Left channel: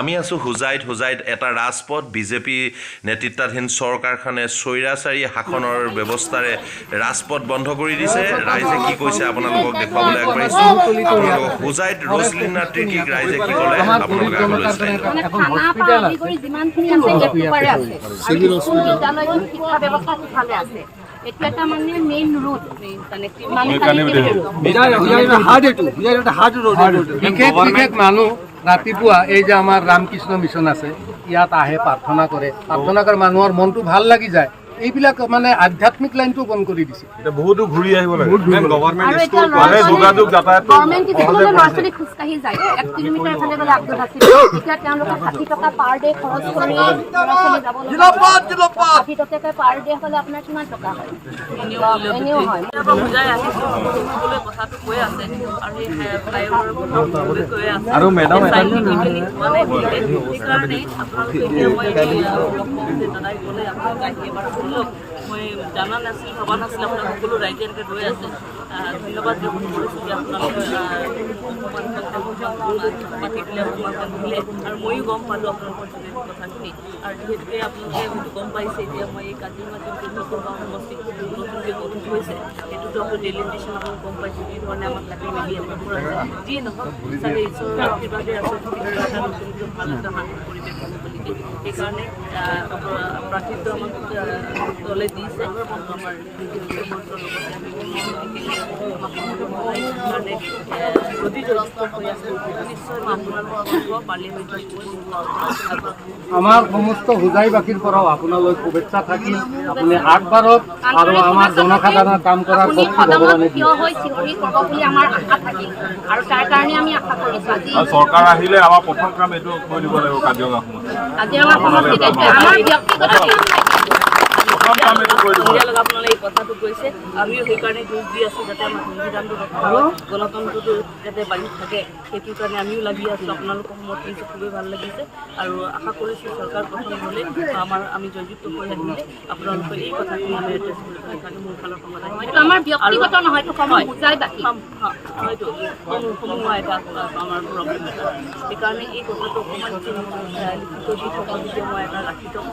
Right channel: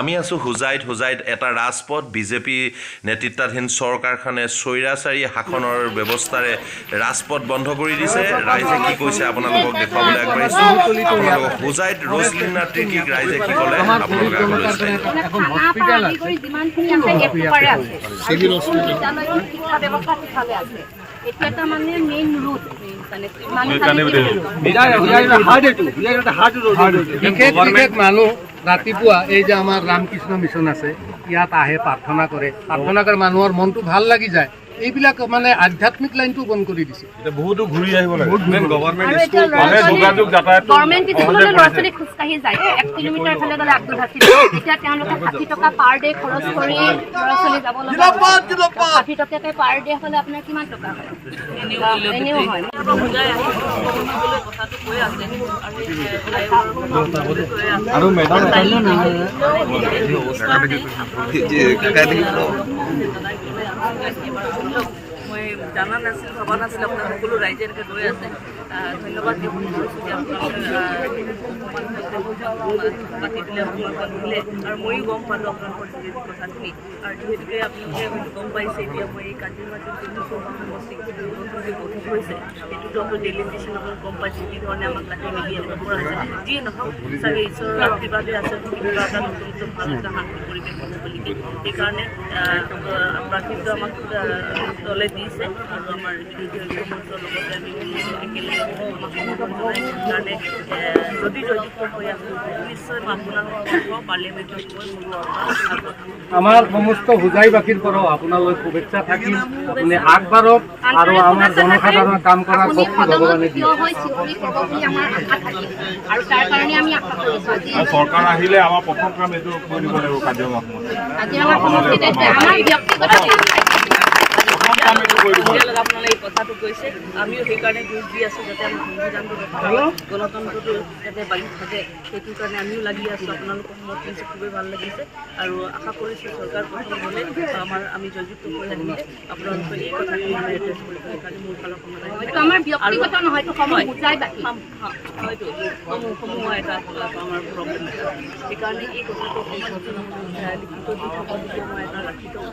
আমি আছো হুজাইত এটা ৰাজপথ বিজেপি নেতৃত্বাধীন চৰকাৰখনে স্বৈৰাচাৰী শাসনৰ ব্যৱস্থাৰে ৰাজপথ বন্ধ কৰি দিছে। ৰাইজে কি কৈছে আপোনালোকক দেখুৱাবলৈ আগবাঢ়িছো। আপোনালোকক হুজাইত ৰজলিনা ত্ৰিকীক ৰাইজে কি ক'লে আপোনালোকে আগলৈ চাই যাওক। এখন হস্পিটেল আছে, যিমানখিনি আছে একবাৰে আছে, চিভিল হস্পিটেল, শিক্ষা ব্যৱস্থা সিফালে আছে। এটা মানে মেইন ৰুট বিশেষ মানুহ ৰাতিপুৱা এই যে আমাৰ ৰামকৃষ্ণ মিছন আছে ইয়াত আহে প্ৰাৰ্থনা কৰে মানুহৰ মনটো ভাল লাগি যায়। এইবিলাক মানে আধ্যাত্মিক লাইনটো বন্ধ কৰি দিছে। বহুতো ঘূৰি আহিব লাগে। গভৰ্ণমেণ্ট স্কুললৈ ল'ৰা ছোৱালী খোজকাঢ়ি যায় 1 কিলোমিটাৰ এফালে গ'লে আব্দুল হাছিব। এতিয়া তেওঁলোকে 60 টকা পাৰ ডে খৰচ কৰি ল'ৰা ছোৱালী যাব লগা 60 টকাকৈ পাৰ ডে হ'লে আপোনাৰ কিমান টকা হয়? এনেও হয়। আৰু মেডাম মই জানা নাছিল, ভবা নাছিল আপোনাৰ সকলো ৰাইজে এনেকৈ ৰৈ আছে। ধন্যবাদ জ্ঞাপন কৰিছোঁ যে আপোনালোকে অকণমান মাতি দিলে, অকণমান দিলে, আৰু ময়ো গম পালোঁ আপোনালোকৰ যোগেদি কথাখিনি। আৰু যিহেতুকে আপোনালোকে হয়তো গম পাইছে, এতিয়া মই এই কাজিৰঙা যোনটো সমষ্টি নতুনকৈ গঠিত হৈছে সেইটোতো আপোনাৰ ডেইলি ষ্টেচন আপোনালোকে গম পাইছে যি ধৰণে আমাক কাটি মেলি এনেকৈ কৰা আছে। যিয়ে নহওক চাগে ঈশ্বৰৰ আশীৰ্বাদে আছে কিবা এটা নতুনকৈ ভাল এটা শান্তি পৰিৱেশ হ'ব বুলি। সেইকাৰণে প্ৰাৰ্থিত্ব আমাক দলে দিছে আৰু আমাৰ মন্ত্ৰৰ লগতে আমি একেলগে আমাক সমৰ্থন জনাই কাৰণে যদি জয়যুক্ত হৈ আছোঁ নিশ্চয় মই আপোনালোকৰ পাৰ্লিয়ামেণ্টত আমাৰ সমস্ত হুজাইবাসীৰ পৰাও আপোনালৈ শুভেচ্ছা থাকিল। আপুনি আগবাঢ়ক আৰু আমাৰ জনসাধাৰণৰ কাম কৰাৰ শক্তি ভগৱানে দিয়ে। আৰু তাৰ কাৰণে আমি আশা কৰিছোঁ আজি চৰকাৰ আহিলে আমাৰ প্ৰথম কাম এইটো কৰি দিব লাগিব কাজিৰঙা সমষ্টিত আমাৰ ব্যক্তিগত আপোনালোকে এই কথাটো কৈছে, আমিও সেইকাৰণে যুঁজ দি আছোঁ যাতে আমাৰ সংবিধানটো ৰক্ষা হয়, গণতন্ত্ৰটো যাতে বাঢ়ি থাকে, সেইটোৰ কাৰণে আমিও লাগি আছোঁ। আপোনালোকক সমৰ্থন দিছে, খুবেই ভাল লাগিছে আৰু আশা কৰিছোঁ চৰকাৰ গঠন হ'লে আমি জয়যুক্ত হৈ আহিলে আপোনালোকে এই কথাখিনি আমি এড্ৰেছ কৰিব কাৰণে মোৰ ফালৰ সমাধান আমাৰ ব্যক্তিগত নহয়, হয়তো সমূহ এটা আমাৰ প্ৰব্লেম এটা। সেইকাৰণে এই কথাটো অকণমান লিখিত দি থকা মই এটা ৰাখি থওঁ